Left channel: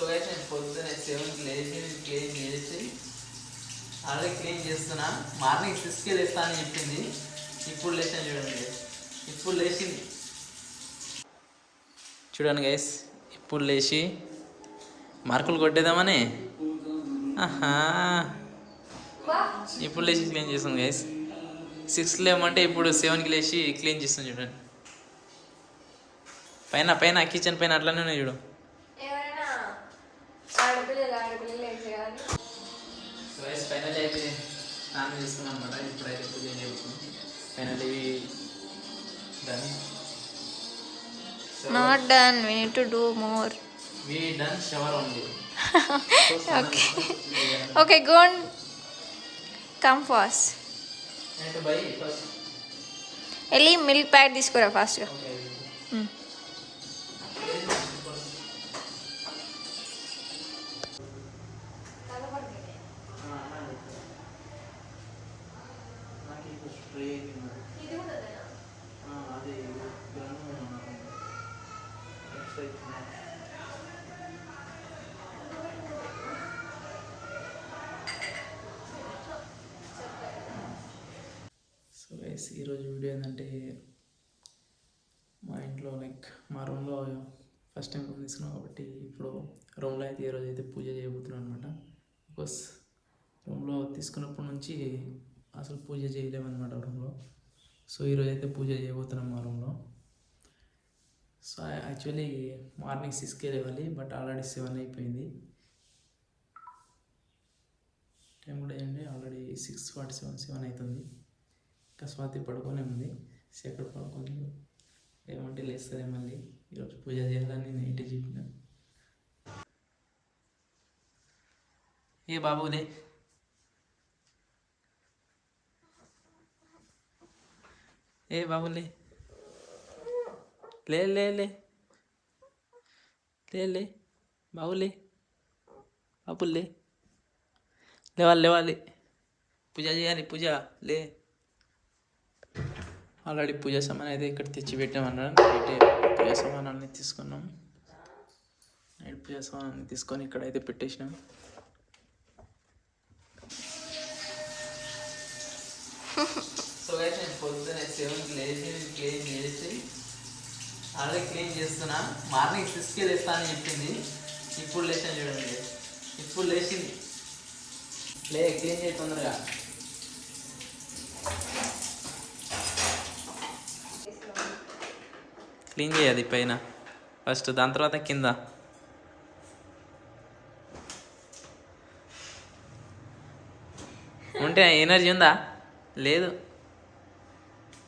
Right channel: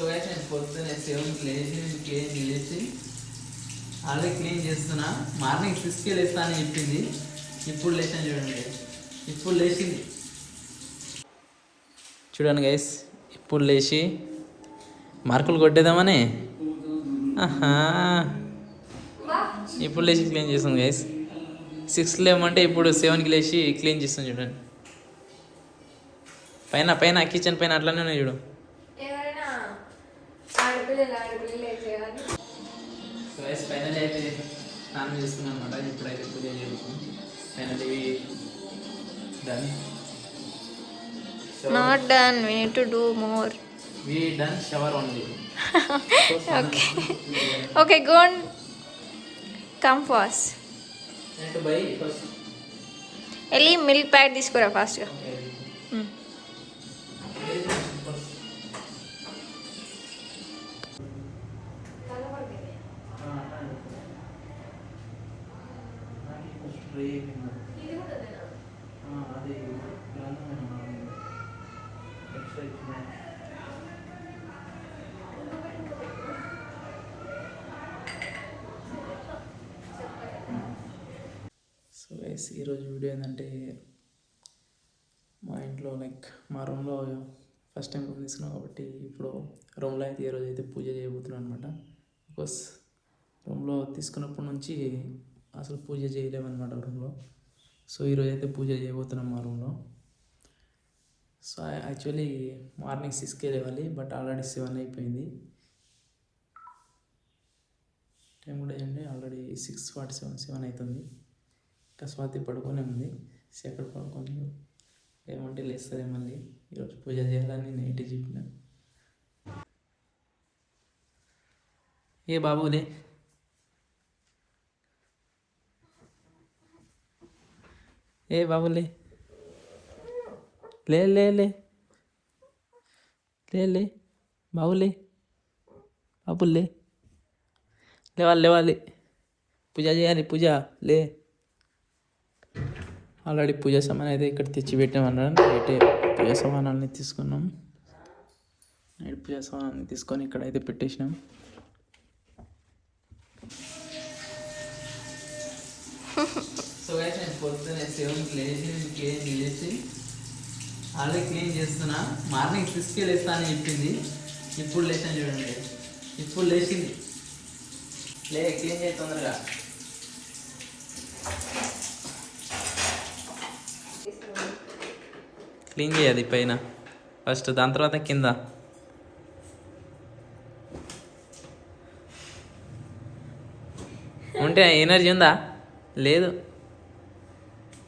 So అయితే నేను పొద్దున్నే సెవెన్కి లేచి క్లీన్ చేసి ఆల్రెడీ క్లీన్ చేస్తున్నా. మార్నింగ్ సిక్స్కి లేస్తా అని చెప్పింది. ఇప్పుడు లేచాను చూడండి. ఇప్పుడు లేచింది. చూడండి గైస్ ఇప్పుడు లేచి మార్కులు కొట్టేద్దామని. ఆహా. ఇప్పుడు లేచి క్లీన్ చేస్తుంది గైస్ సిక్స్ లేమంటే ఇప్పుడు సెవెన్కి లేచి క్లీన్ చేస్తుంది చూడండి. పైన పైన కిచెన్ పైన అట్లానే ఉన్నాయి చూడు. ఆడపిల్లలు ఆడపిల్లలు వేసేయాలి సో గైస్ ఫైనల్ అయితే స్నానం చేస్తున్నాం అనమాట ఇప్పుడైతే పూజ చేస్తాం final done not done we need to do more we done shower only okay okay go and come fast వెళ్ళి మిల్క్ ప్యాకెట్ తీసుకురా ఫాస్ట్గా సో గైస్ ఈరోజు వీడియో ఏంటంటే మా ఇంట్లో లైక్ మా రూమ్లో ఫస్ట్ టైం రూమ్ తీసుకున్నాం కాబట్టి ఇప్పుడు రూమ్లో అయితే ఈరోజు అయితే పూజ చేయబోతున్నాం అనమాట బికాస్ రూమ్లో తీసుకున్నప్పటి నుంచి అసలు పూజ చేయలేమన్నమాట రూమ్లో. సో ఈరోజు అయితే పూజ చేయబోతున్నాం మా రూమ్లో. సో యాక్చువల్లీ మార్నింగ్ సిక్స్కే లేవాలి బట్ ఆల్రెడీ సెవెన్ అయిపోయింది. టైం కూడా ఏంటి already six forty seven seven అవుతుంది ఇంకా స్వాతి పడుకొని ఉంది. సెకండ్ పడుకొని ఏమంటే లేస్తుంది మళ్ళీ. ఈరోజు పూజ చేయాలని నైట్ చెప్పిన. ఏ బాబులే ఏ బాబులే లే. లే లే లే. లే బాబులే బాబులే లేవాలి లేవాలి. పూజ చేయాలి పూజ. లే. ఆల్రెడీ పూజ సామాన్ అయితే ఇక్కడ తెచ్చి పెట్టామన్నారు నైటే పూజ సామానాన్ని తీసుకున్నాం. నైట్ పూజ సామానాన్ని తీసుకొని ఇక్కడ అయితే పెట్టేసినాం. సో అయితే నేను పొద్దున్నే సెవెన్కి లేచి క్లీన్ చేసి ఆల్రెడీ క్లీన్ చేస్తున్నా. మార్నింగ్ సిక్స్కి లేస్తా అని చెప్పింది. ఇప్పుడు లేచాను చూడండి. ఇప్పుడు లేచింది. లే క్లీన్ చేయి తొందరగా. క్లీన్ చేయాలి పైన. ఫస్ట్ దాని తర్వాత కింద. ఉంటే ఎనర్జీ ఉందా? లేదు.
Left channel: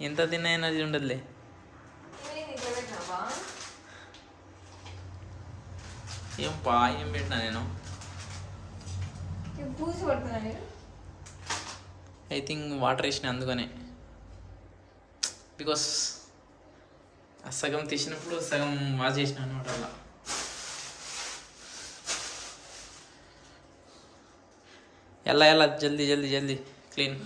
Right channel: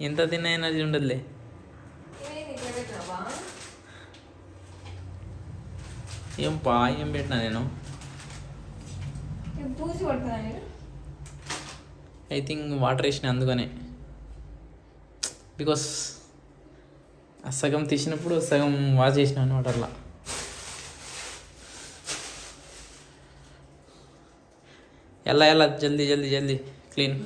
ఎంత తిన్న ఎనర్జీ ఉండదులే. ఏం పా ఏం పెట్టినా నేను? ఐ థింక్ వాటర్ వేసిన అందుకనే. బికాస్ ఆ సగం తీసినప్పుడు సగం వాష్ చేసిన అనమాట అట్లా. ఎలా ఎలా? జల్దీ జల్దీ జల్దీ. క్లీన్.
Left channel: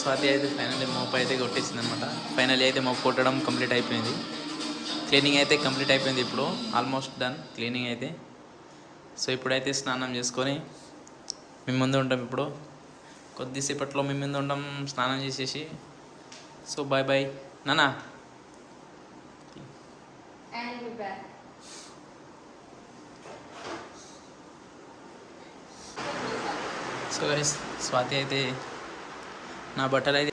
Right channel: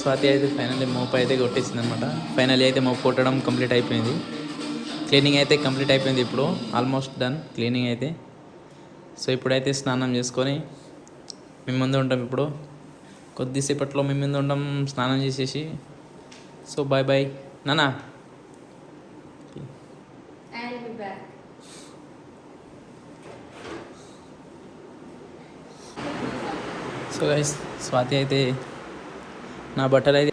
స్వాతి అయితే ఫైనల్లీ మోపు అయితే కొట్టేసింది అనమాట ఫైనల్లీ అయితే మోపు కొట్టడం కంప్లీట్ అయిపోయింది. క్లీనింగ్ అయితే కంప్లీట్ అయిపోయింది ఇప్పుడు. ఆల్మోస్ట్ డన్ క్లీనింగ్ అయితే. సో ఇప్పుడైతే స్నానం చేసుకొని మేము ముందు ఉంటాం ఇప్పుడు. కొద్దిసేపట్లో మేము ముందు ఉంటాం స్నానం చేసేసి. సో బాయ్ బాయ్ నానా. సో గైస్ స్వాతి అయితే నా బట్టలు అయితే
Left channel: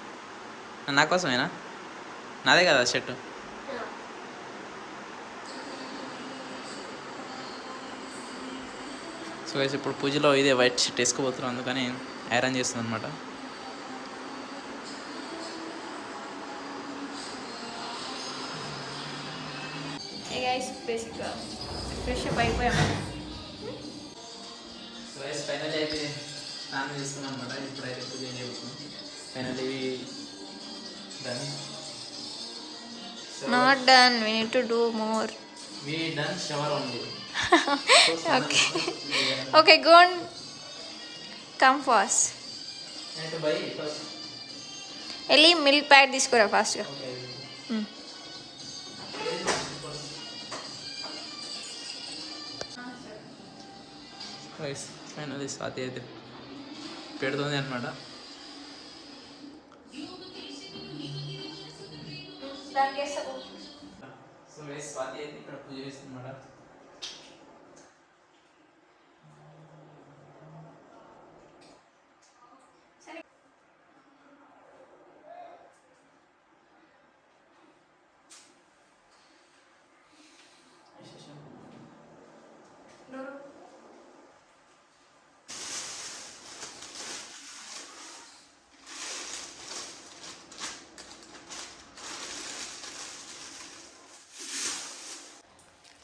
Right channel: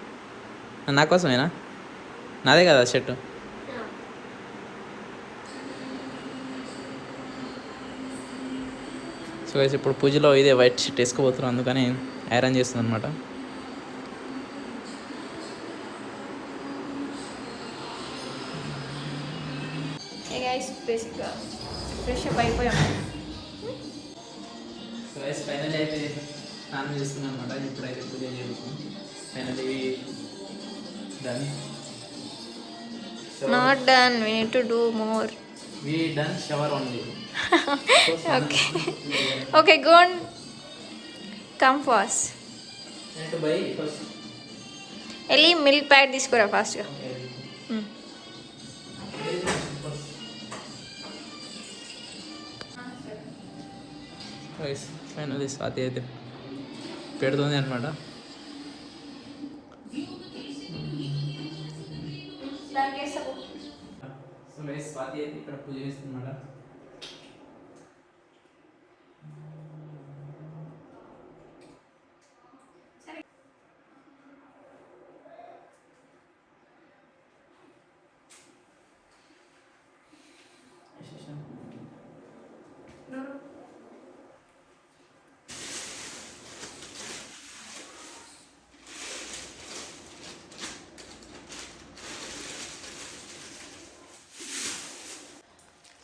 నా కోసమేనా? నాదే కదా షర్ట్. సో గైస్ ఇప్పుడు పూజలో ఇదే వైట్ షర్ట్ వేసుకోబోతున్నాం అందుకని ఐరన్ చేస్తుంది అనమాట బేసిక్గా ఫ్రెష్ అప్ అయిపోయాం. సో ఫైనల్ అయితే స్నానం చేస్తున్నాం అనమాట ఇప్పుడైతే పూజ చేయబోతున్నాం. finally done. So Not done. We need to do more. We done shower only. so okay. okay, go on. Come first. And buy first. ಎಲ್ಲಿ ಮಿಲ್ಕ್ ಪ್ಯಾಡ್ తీసుకురా ఫాస్ట్ గా గైస్ ఫైనల్లీ స్వాతి అయితే పెడుతుంది అనమాట స్వాతి అయితే ఇక్కడ పూజ చేస్తుందన్నమాట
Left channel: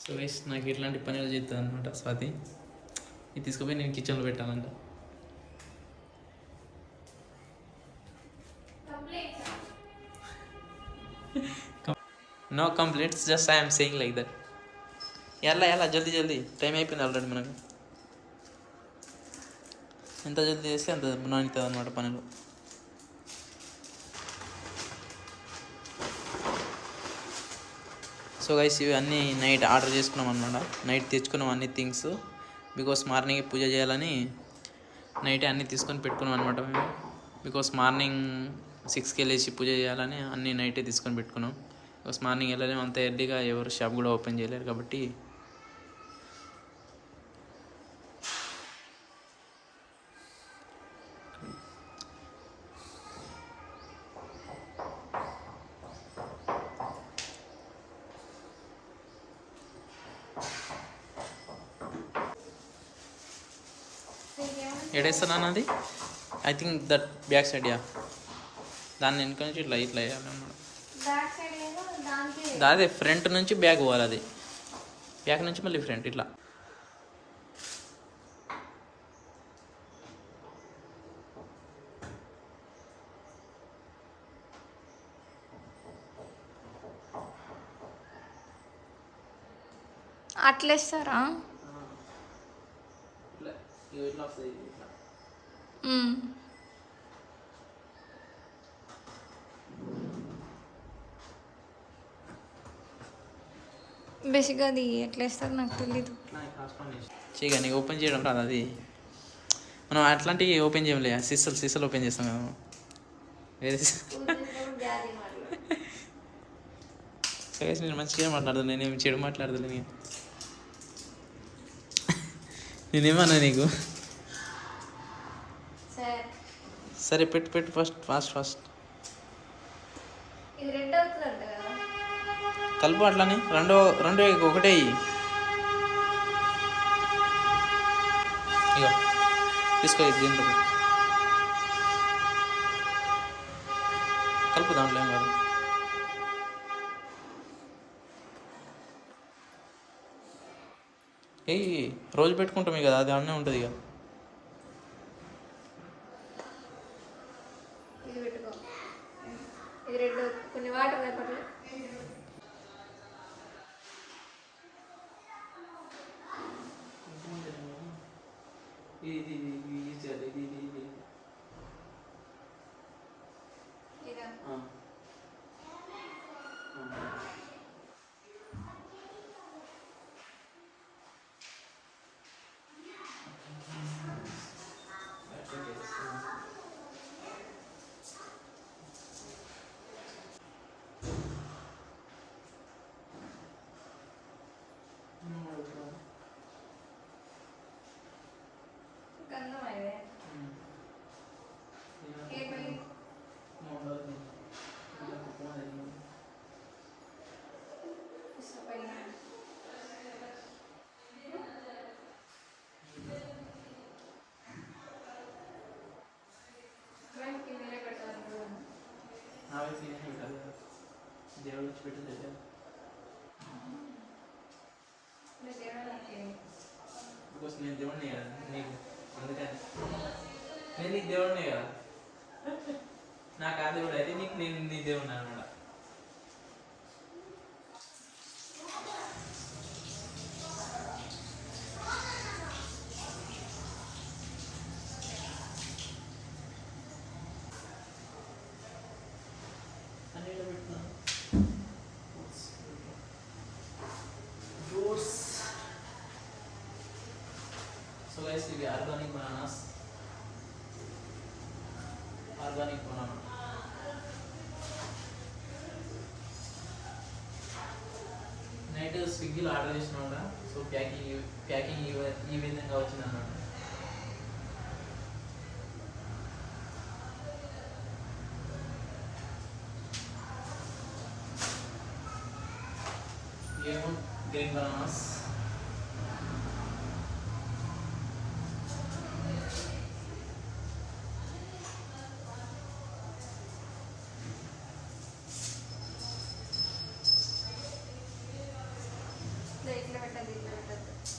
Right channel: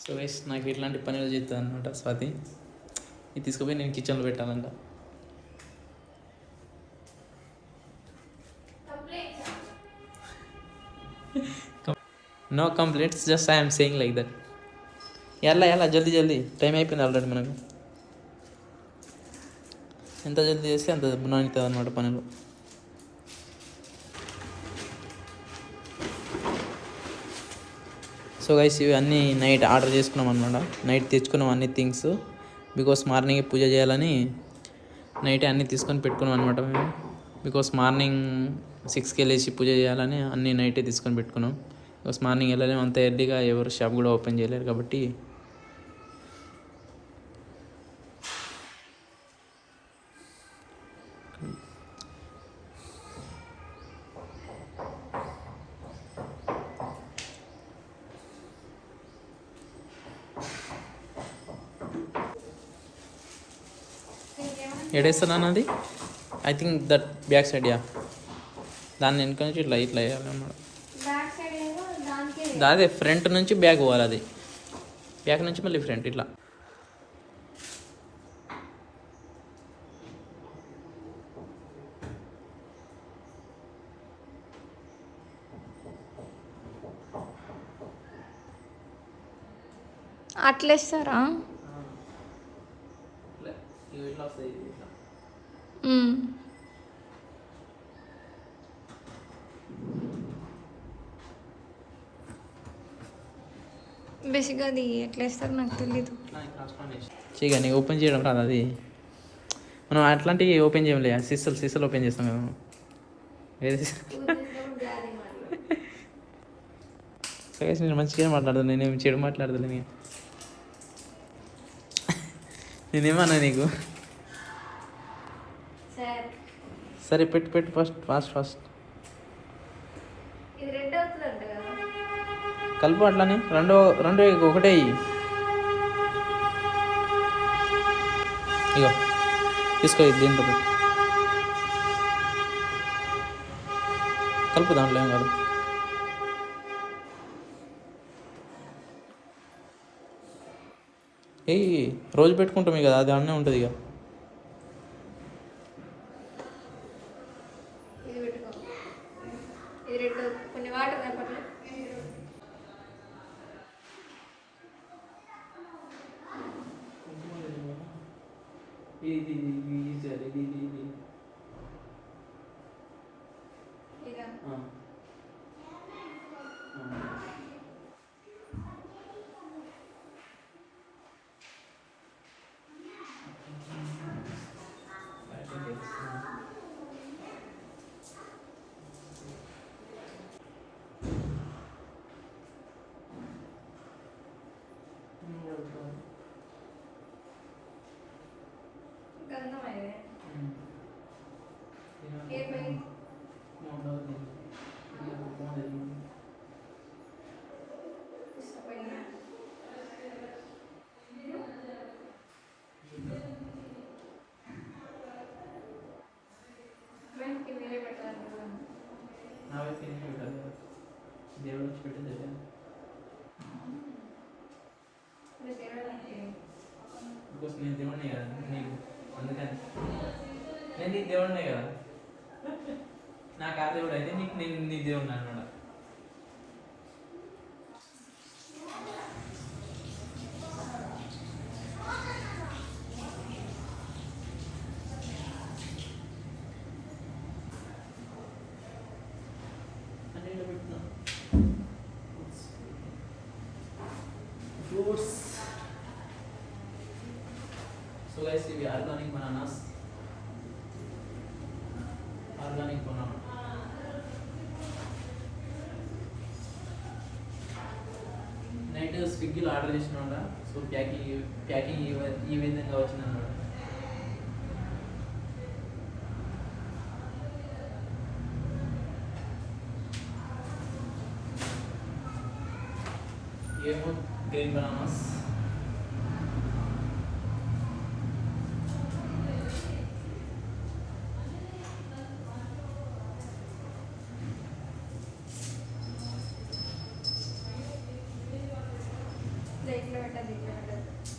సో వైస్ నాకు ఇట్లాంటి పనులు చేస్తుంది అనమాట స్వాతి. ఇది తీసుకుపోయి నేను కిచెన్లో పెట్టాలంట. No complaints just I'm saying like that ఎలా ఎలా జల్దీ జల్దీ. టైం అయిపోయింది ఆల్రెడీ మనకు. ఎంత జల్దీ చేస్తే అంత నాణ్యత అనమాట పనులు. సో గైస్ ఇవి అన్నీ నైట్ ఆర్డర్ చేసుకున్నాం అనమాట నైట్ తెచ్చుకున్నాం అన్ని థింగ్స్ బికాస్ మార్నింగ్ పూజ చేయాలని నైట్ అన్నీ తీసుకొని పెట్టుకున్నాం అనమాట మేము బికాస్ మార్నింగ్ సిక్స్కి వెళ్ళేసి పూజ చేయాలని అన్నీ నైటే తీసుకొని పెట్టుకున్నాం. బికాస్ మార్నింగ్ వెళ్ళలేము అంత ఎర్లీగా ఎవరు షాప్ కూడా ఓపెన్ చేయలేరు కాబట్టి ఎడేస్తున్నాను అది I think that back side yeah దాన్ని వెనుక నుంచి ఇట్లా ఇట్లా వేయాలన్నమాట అదే ఫ్రంట్ నుంచి బ్యాక్ పోవాలి అది. బ్యాక్ నుంచి మళ్ళీ ఫ్రంట్ ఇట్లా. అట్లేస్తారా? ఇట్లా వస్తాయి ఇట్లా బేసిక్గా అది ఎట్లా వేస్తారో నాకు తెలీదు. చేయగా నీకు ఓపెన్ చేయడం రాదు అది. మనం అట్లాంటివి ఓపెన్ చేయలే సిస్సలు సిస్సలు ఓపెన్ చేస్తాం మేము. వేరే సరే నేను మంచిగా మాట్లాడుతున్నా నేనేమి చెడు మాట్లాడదులే నేను నేనేమన్నా నీకు? సరే పెట్టు పెట్టు ఫస్ట్ ఫాస్ట్ ఫాస్ట్. కలుపు అట్లానే రెండో రెండో ఒకటే. ఇగో తీసుకో దీంట్లో పెట్టు. కలుపు దాంట్లో ఏం కాదు. ఏయ్ రోజు పెట్టుకుంటాం కదా అది అన్నీ ఉంటుంది ఇక ఇది పెట్టుకో ఇది రెడ్ కొన్ని వాటర్ రేపట్లో ఇది ఇది ఇది ఇది ఇక గంధం అయితే ఏమై ఇష్టపడిన వెంటనే మీరే పెట్టాలి దేవుడికి బికాస్ నేను దేవుడిని కదా? నీకు అందుకని. నేను నీకు దేవుడినే కదా? నాకు ఆ దేవుడు అయితే నీకు నేను నీ దేవుడిని అనమాట. ఫ్రూట్స్ సో సో గైస్ ఇవి organic bananas? Organic banana? Night స్విగ్గీలో ఆర్డర్ చేసిన సో ప్యాకింగ్ ప్యాకింగ్ ఈ ఈ విధంగా వచ్చింది అన్నమాట ఏమో గ్రీన్ బనానాస్. একটা দেখবেন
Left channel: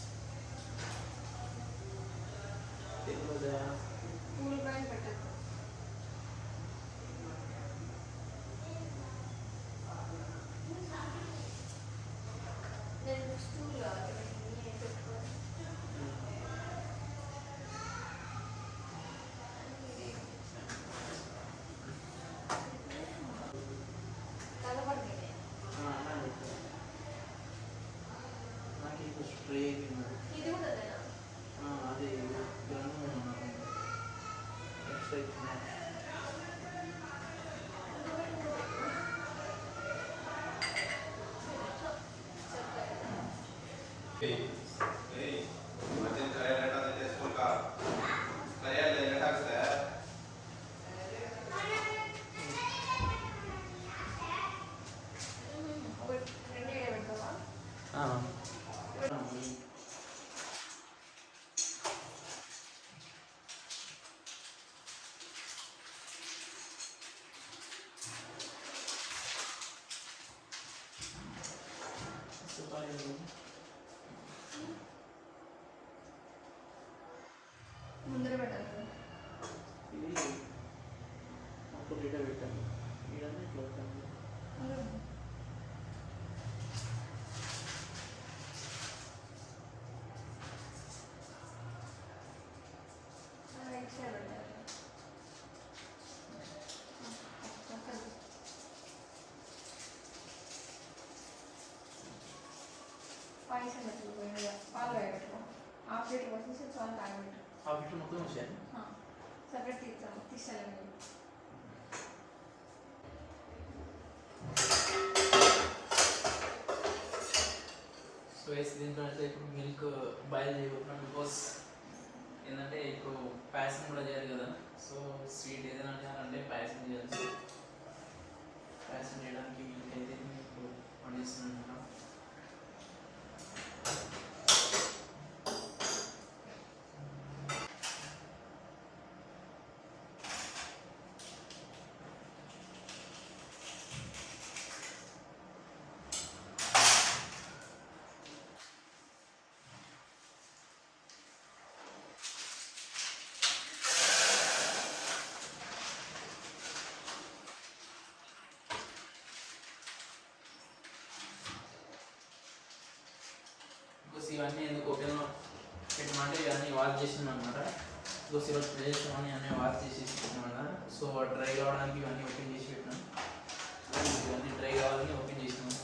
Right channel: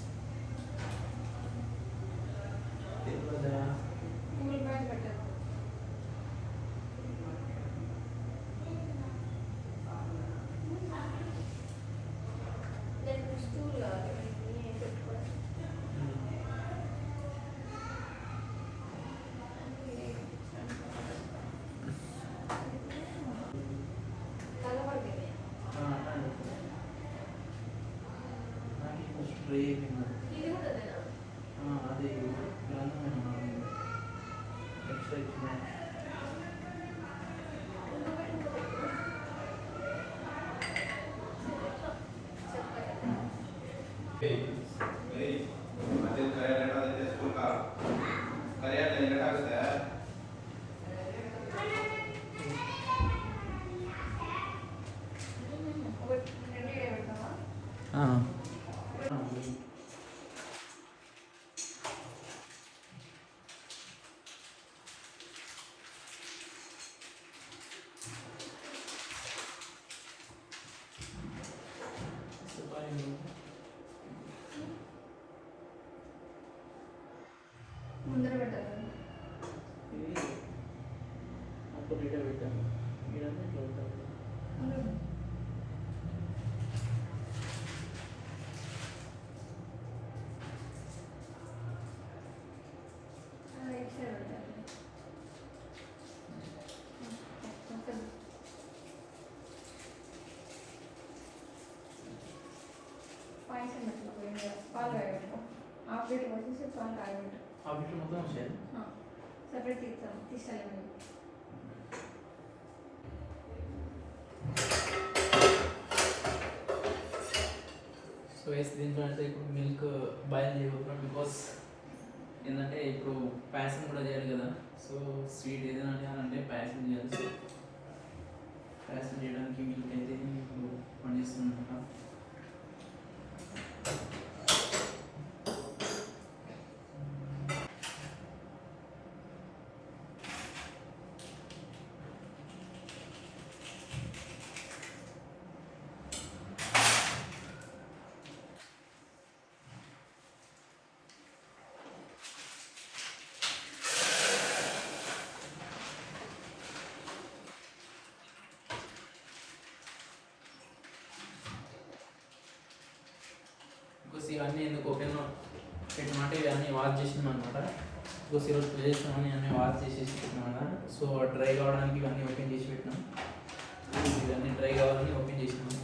ఒకటి போட்டுட்டு விழுக்காங்க இது வந்து சொல்லுவாங்க பாயிண்ட் மட்டும் போயிடுங்க பால் ஆகிடும் ஆப்ரேட் దీంట్లో అంటే ఇప్పుడు మిల్క్ బాయిల్ చేయబోతున్నాం. బికాస్ ఏంటంటే ఇప్పుడు పాయసం కూడా చేయాలి కదా. సో స్వీట్ ఏదైనా చేయాలంటే పాయసం చేయాలి. సో పాయసం చేయడానికి మిల్క్ అయితే ఇప్పుడు పండిస్తున్నాం అనమాట ఇవన్నీ ఎందుకు ఓపెన్ పెట్టమంటే ఇవన్నీ వాష్ చేసినాం అనమాట బికాస్ ఈరోజు చేసినామని అన్నీ వాష్ చేసేసి పెట్టినాం సో డ్రై కావడానికి ఇవన్నీ ఓపెన్ చేసి పెట్టినాం. ఇవన్నీ డ్రై కావాలని ఓపెన్ చేసినాం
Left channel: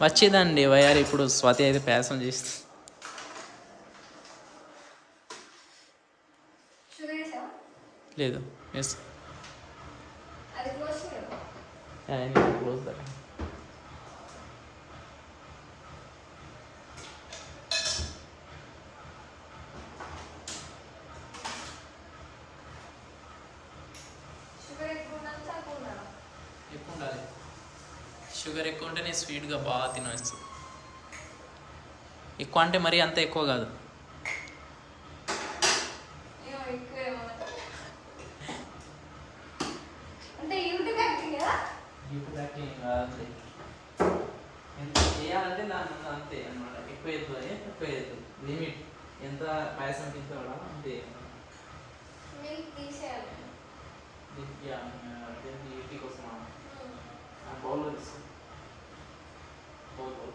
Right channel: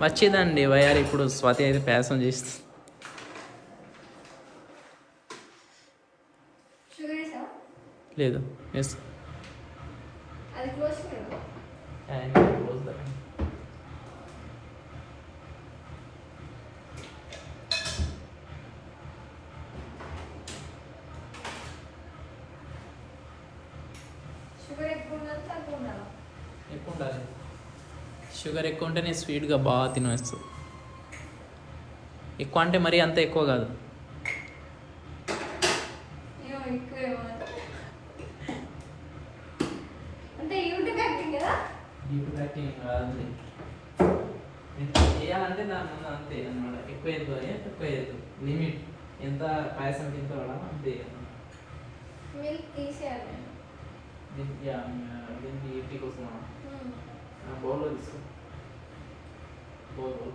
వచ్చిందండి వయారు ఇప్పుడు స్వాతి అయితే ప్యాసం చేస్తుంది షుగర్ వేసా లేదు. ఎస్ షుగర్ ఎక్కువ ఉంటేనే స్వీట్గా బాగా తినేస్తుంది ఎక్కువ అంటే మరీ అంత ఎక్కువ కాదు.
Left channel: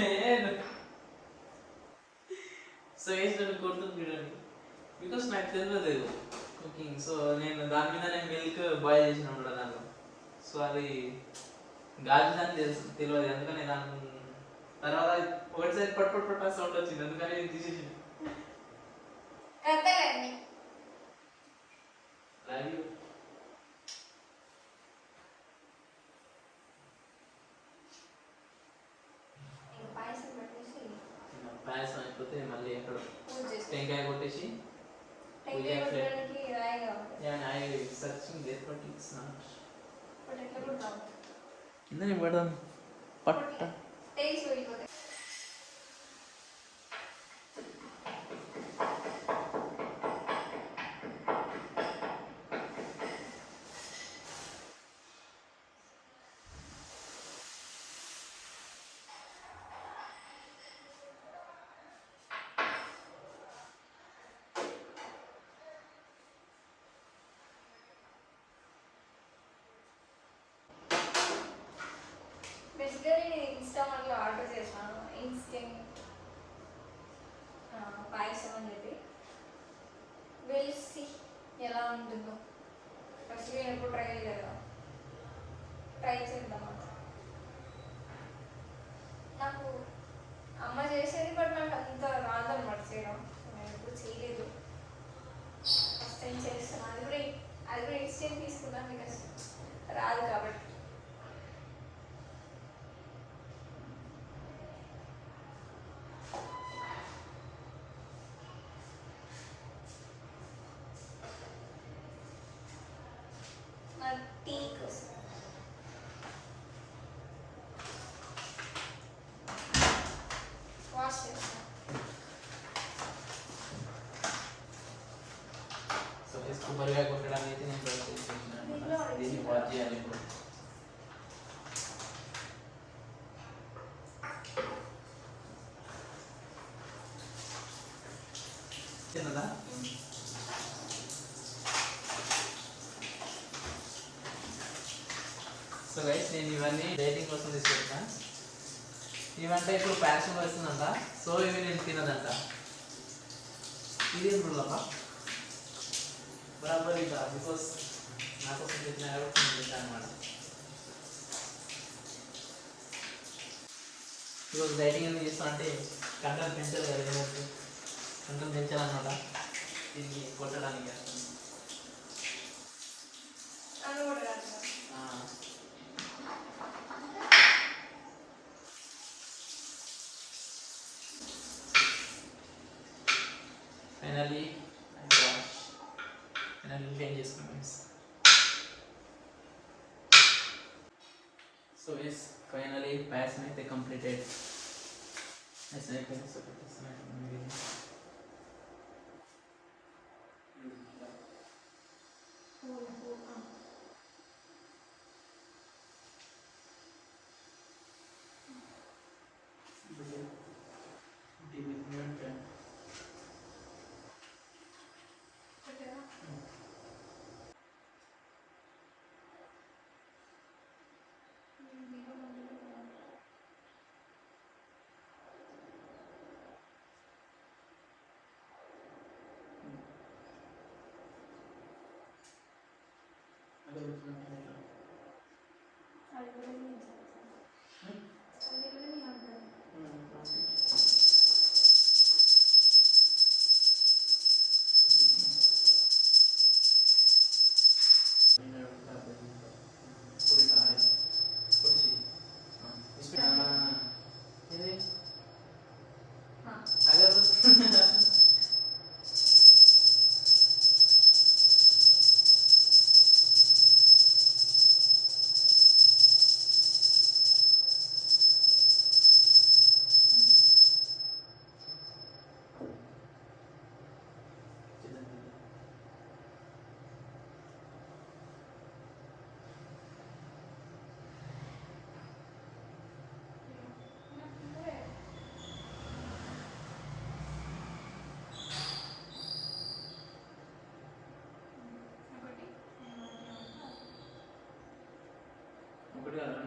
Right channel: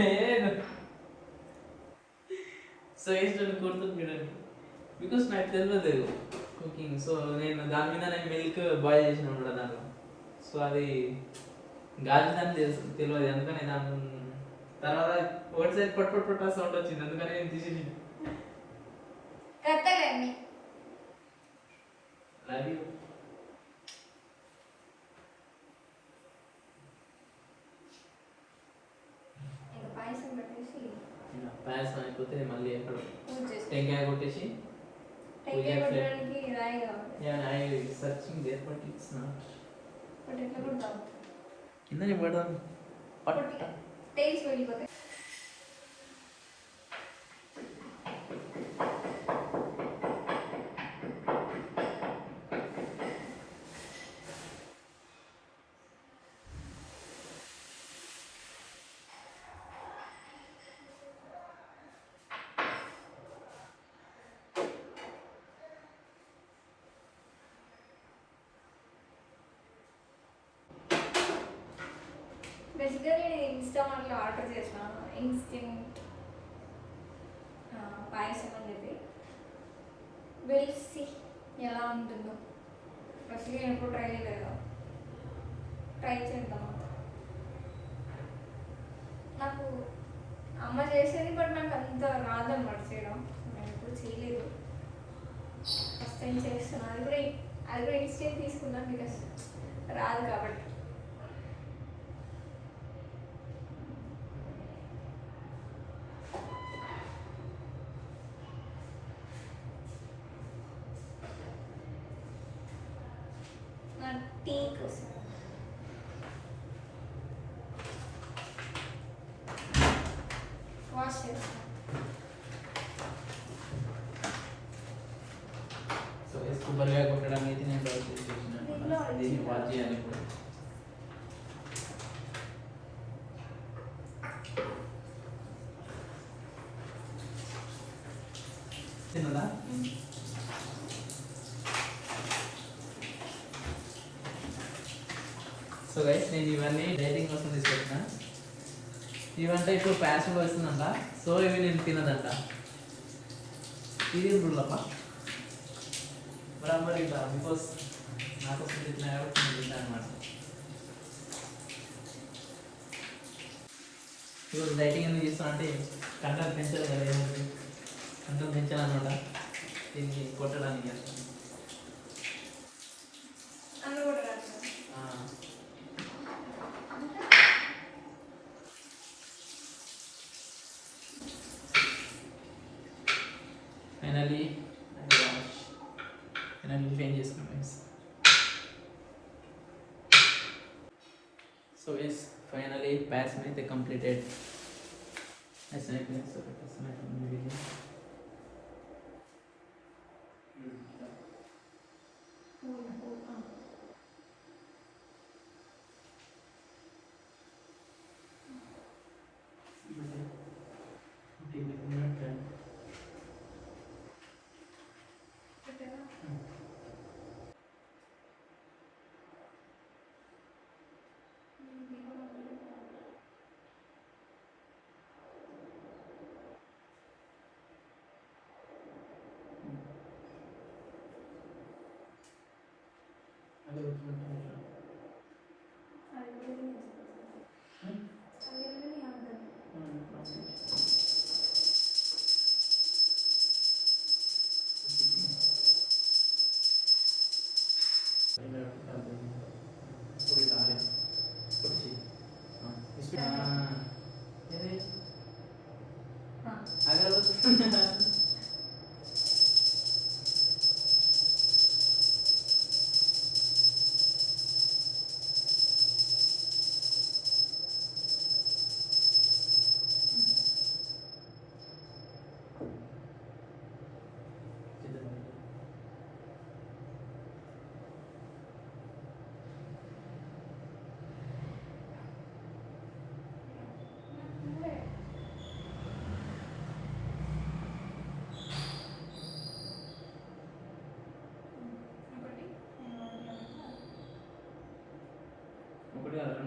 లేదు సో వేసుకొని కొడుతుంది చూడండి బికాస్ నాకు తెలియదు కుకింగ్ సో నేను దాని మీద నేను మిల్క్ బాయిల్ చేసిన దాంట్లో. సో అది గాజు అని తెలుసు. తెలియదు అందుకని దాని తర్వాత ఒకటిసారి పట్టు పట్టు పట్టు సౌండ్ వచ్చింది అందుకని నేను తీసేసి కత్తలేండి అది ఇంకా పాయసం పెట్టేసి పాయసం అయిపోతే మళ్ళీ ఎక్కడ పూజ చేసుకో టెంకాయ కొట్టేసి టెంకాయ కొట్టడానికి రాయిగా ఉంది నేను I searching there but it's not but ఎట్లా కొడతాం ఇందని పడదాం కొట్టి టేస్ట్ వెళ్ళిపోతే బేసిక్గా నేను ఇన్స్టామార్ట్లో ఆర్డర్ చేశాను. ఇన్స్టెంట్ పాయసం అని చెప్పి. వెల్సి ఎలా ఉంటుందో. ఫస్ట్ నేను ఎప్పుడు ట్రై చేయలేదు. ట్రై చేద్దాం అంత. నాకు అమ్మ చేసేది బట్ నాకు అంత రాదన్నమాట చేయడం. నేను ఎప్పుడు చేయలేదు. ఫస్ట్ టైం చేస్తున్నాను అది కూడా అది కూడా ఇన్స్టెంట్ తీసుకున్నాను బికాస్ రాదు కాబట్టి నా టీ కోసం వాష్ చేస్తాను సో కొబ్బరిగా కొట్టడం అయితే నేను బయట చేసేసిన అనమాట. దీన్ని వాచ్ చేయాలి ఇప్పుడు తిన్నదా సో గైస్ నేను ఇవన్నీ డైటింగ్ కోసం తీసుకొచ్చిన ఇవంటే ఇప్పుడు ప్యాషన్ వచ్చిందంట సో ఇవి నేను తినదంట. ఇది బరాబర్ ఇక బికాస్ నాకు తింటున్నా కాబట్టి నేను తింటాను అనమాట ఈరోజు డైటింగ్ ఎందుకు చేస్తాను అంటే కంటెంట్ పెంచాలి కదా ఏమంటే కంటెంట్ పెంచాలన్నమాట. దీన్ని కొట్టడానికి చేస్తాను అన్నం కూడా రాదు ఆ. ఫైనల్లీ ఫైనల్లీ ఫేన్ చేసుకున్నాం guys so is finally pass అయితే కంప్లీటెడ్ నైస్ అయిపోయింది సో పెట్టేస్తున్నాను వీడియో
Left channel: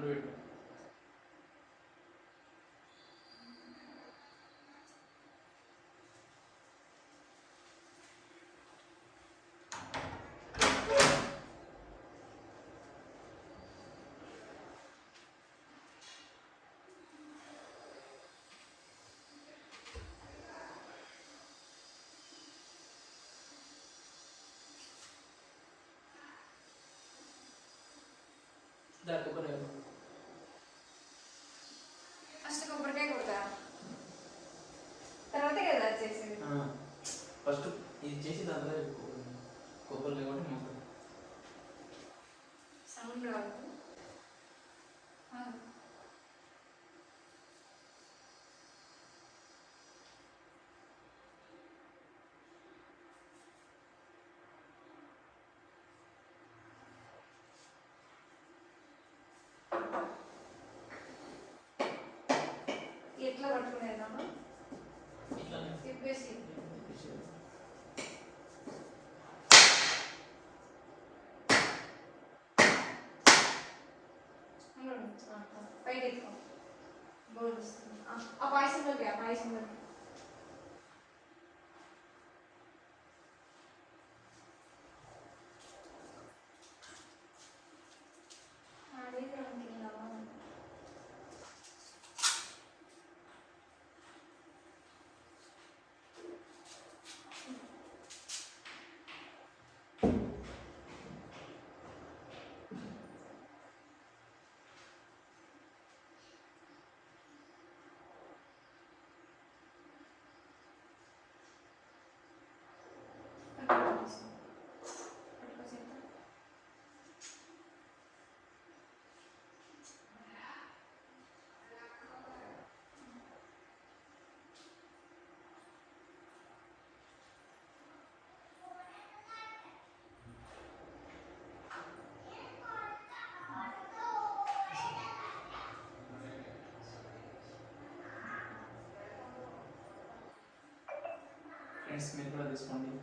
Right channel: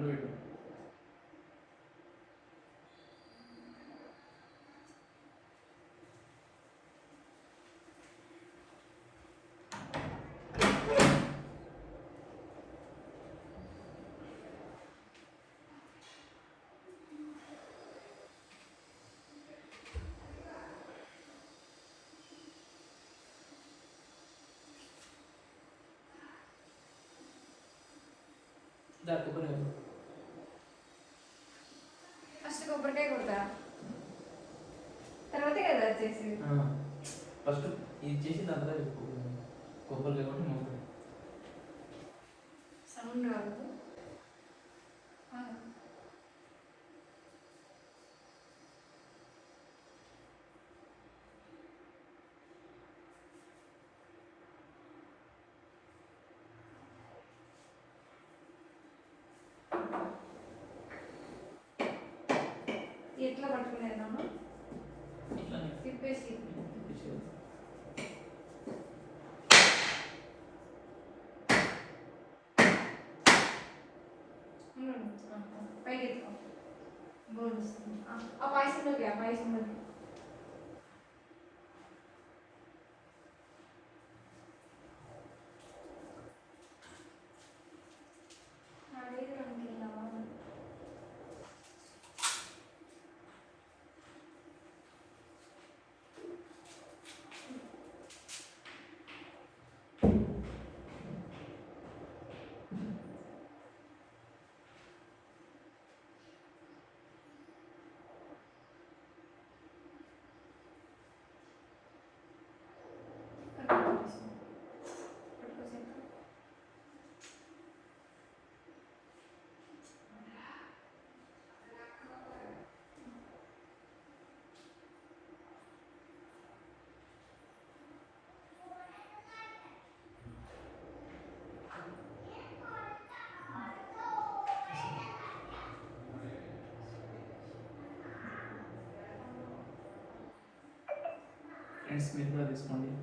doing. ఎట్లా తిప్పేసి. పైకి ఎత్తుకో ఆ, పాయసం ఆ పాయసం బట్టి అనేది రెండు కింద ఫ్రెండ్స్ మీరు కూడా తీసుకోండి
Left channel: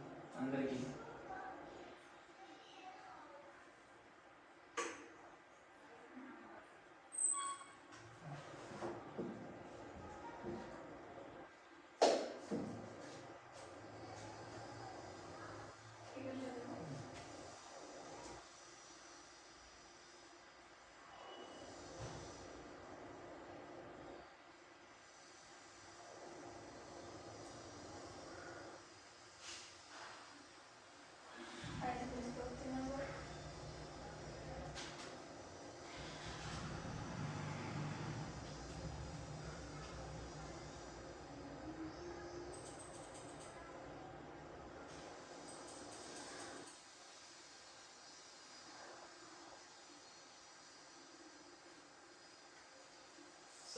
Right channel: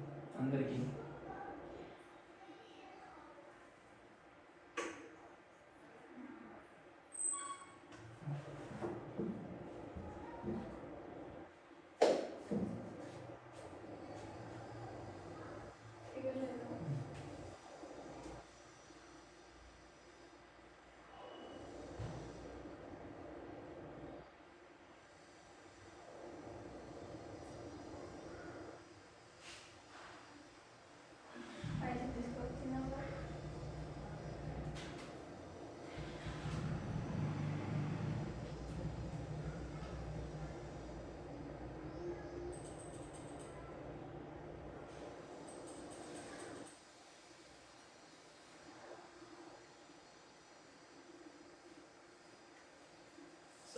అందరికీ.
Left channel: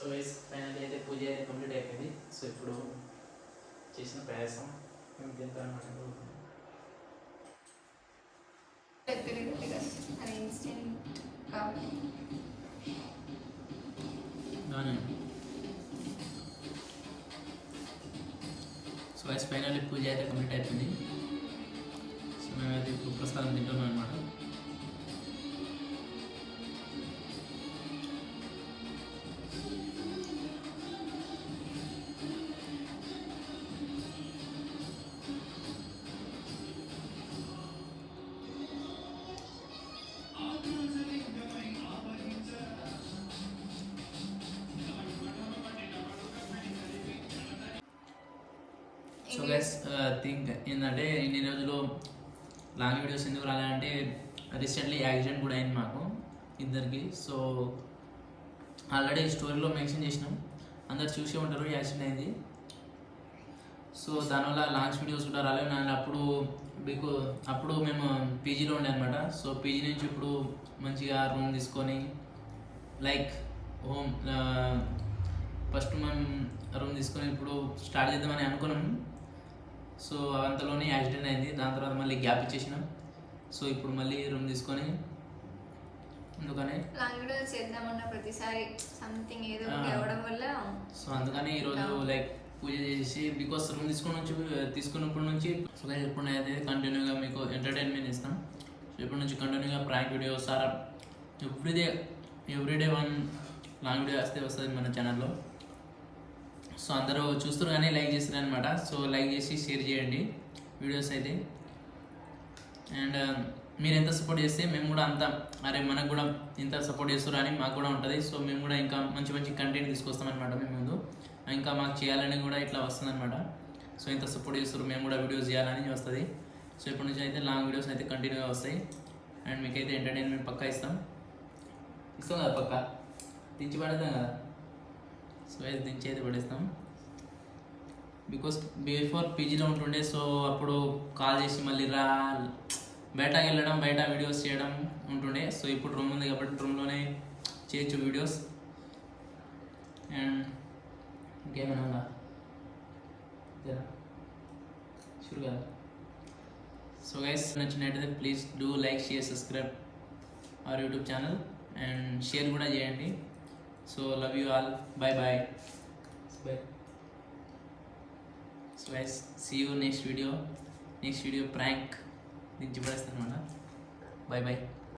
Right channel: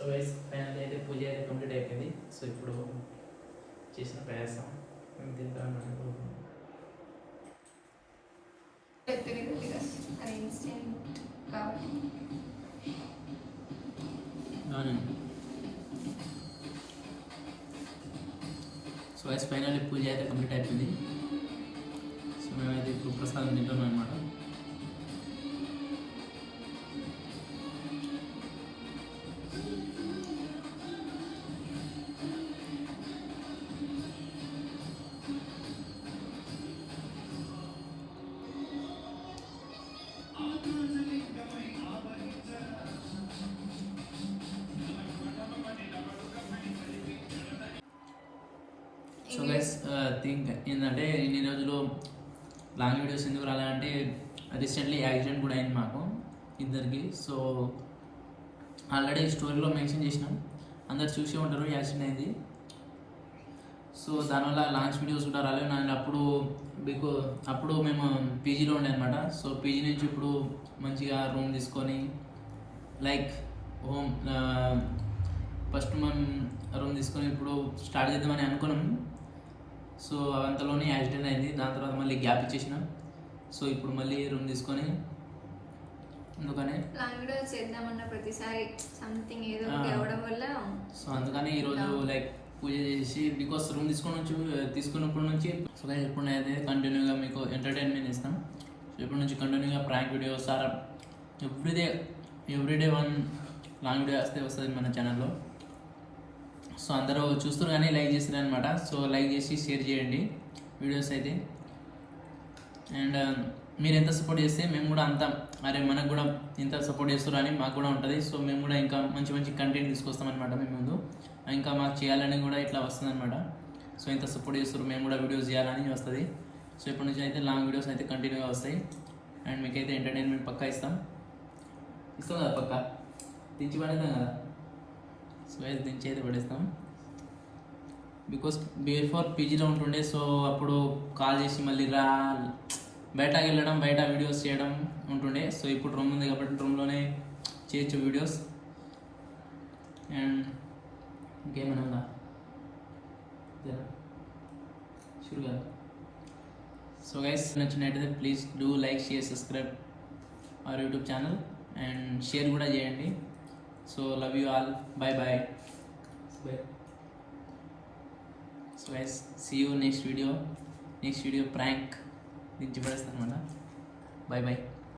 సో వైస్ ఫైనల్ అయితే పూజ అయితే కంప్లీట్ అయిపోయింది సో ఇప్పుడు చేసిన ప్రయాసం మేము తింటాం అన్నట్టు పెద్దగా పెట్టిన అది ఇన్స్టెంట్ కాబట్టి సో వైస్ ఫైనల్ పూజ అయితే కంప్లీట్ అయిపోయింది. సో గైస్ థింక్ ఏంటంటే ఇన్ని రోజులు లాంగ్ వీడియోస్ ఎందుకు రాలంటే రీసెంట్లీ యాక్సిడెంట్ కూడా అయింది మాకు ఇద్దరికి. సో ఆల్రెడీ స్టోరీలో మెన్షన్ చేసినాం. అందరు చూసే ఉంటారు యాక్సిడెంట్ అయింది. సో దానివల్ల లాంగ్స్ వీడియోస్ కూడా రాలేదు. అండ్ అప్పుడు బికో అప్పుడు మేము పీజీలో ఉండే అనమాట సో పీజీ నుంచి ఇప్పుడు మంచిగా రూమ్ తీసుకొని లైక్ హోమ్ ఫస్ట్ మనం రూమ్ తీసుకొని ఇప్పుడు స్టార్ట్ చేద్దామని అనుకున్నాం. సో అంతలోనే యాక్సిడెంట్ అయింది. దాని తర్వాత మళ్ళీ గ్యాప్ ఇచ్చేసినాం. సో ఇప్పుడు మళ్ళీ రూమ్ తీసుకొని అందుకనే చేద్దామన్న ప్రతిసారి. సంథింగ్ ఏదో అవ్వడం వల్ల సో అందుకని ఈరోజు లైక్ పూజ చేసి బికాస్ రూమ్ తీసుకుని నుంచి తీసుకున్నప్పటి నుంచి సో ఇప్పుడు అయితే కంటిన్యూగా మీకు ఎంటర్టైన్మెంట్ ఇస్తాం సో ఇప్పటి నుంచి కంటిన్యూగా prank videos are everyday everyday one long video వస్తే వస్తుంది మన ఛానల్లో సో అందరూ చూస్తారు కానీ లైక్ చేస్తారు అనమాట సో లైక్ చేసి షేర్ చేయండి వీడియోస్ అయితే. అండ్ um, మీరు ఎంత సపోర్ట్ చేస్తే మేము కూడా అంత అరే మనకు కూడా ఇంత సపోర్ట్ చేస్తారు అని మాకు కూడా ఉంటుంది. సో మేము కూడా ఇంకా మంచి మంచి కంటెంట్ తీసుకొస్తామన్నమాట మేము ముందు. ఇంకా మాకు చేయాలని కూడా ఇట్లా వస్తుందన్నమాట సో ఇంత సపోర్ట్ చేస్తారు మేము కూడా వీడియోస్ చేయాలని వస్తుంది. సో ఇప్పటి నుంచి అయితే లాంగ్ వీడియోస్ అయితే కంటిన్యూగా వస్తాయి. అండ్ మీకైతే ఎంటర్టైన్మెంట్ పక్కా ఇస్తాం. ఇస్తాం కదా పక్కా? తెచ్చి పడేద్దాం కదా? సో అది దించి అయితే పడేస్తాం. బికాస్ బిఫోర్ పీజీలో ఉంటుండే సో అప్పుడు కాల్ చేసి మళ్ళీ రా బయటకు వెళ్ళడం బయట వీడియోస్ చేయడం ఉంటుండే. సో ఇప్పుడు రూమ్ ఉంది కాబట్టి రూమ్లోనే చేయొచ్చు వీడియోస్ అండ్ ఇంకేమైనా ఉందా? షూర్ కదా? సో గైస్ నచ్చినట్టయితే please do like share subscribe our YouTube channel and share కూడా చేయండి. So love you all bye bye bye so guys see you next video next video prank దించి పడేస్తాను అనమాట bye bye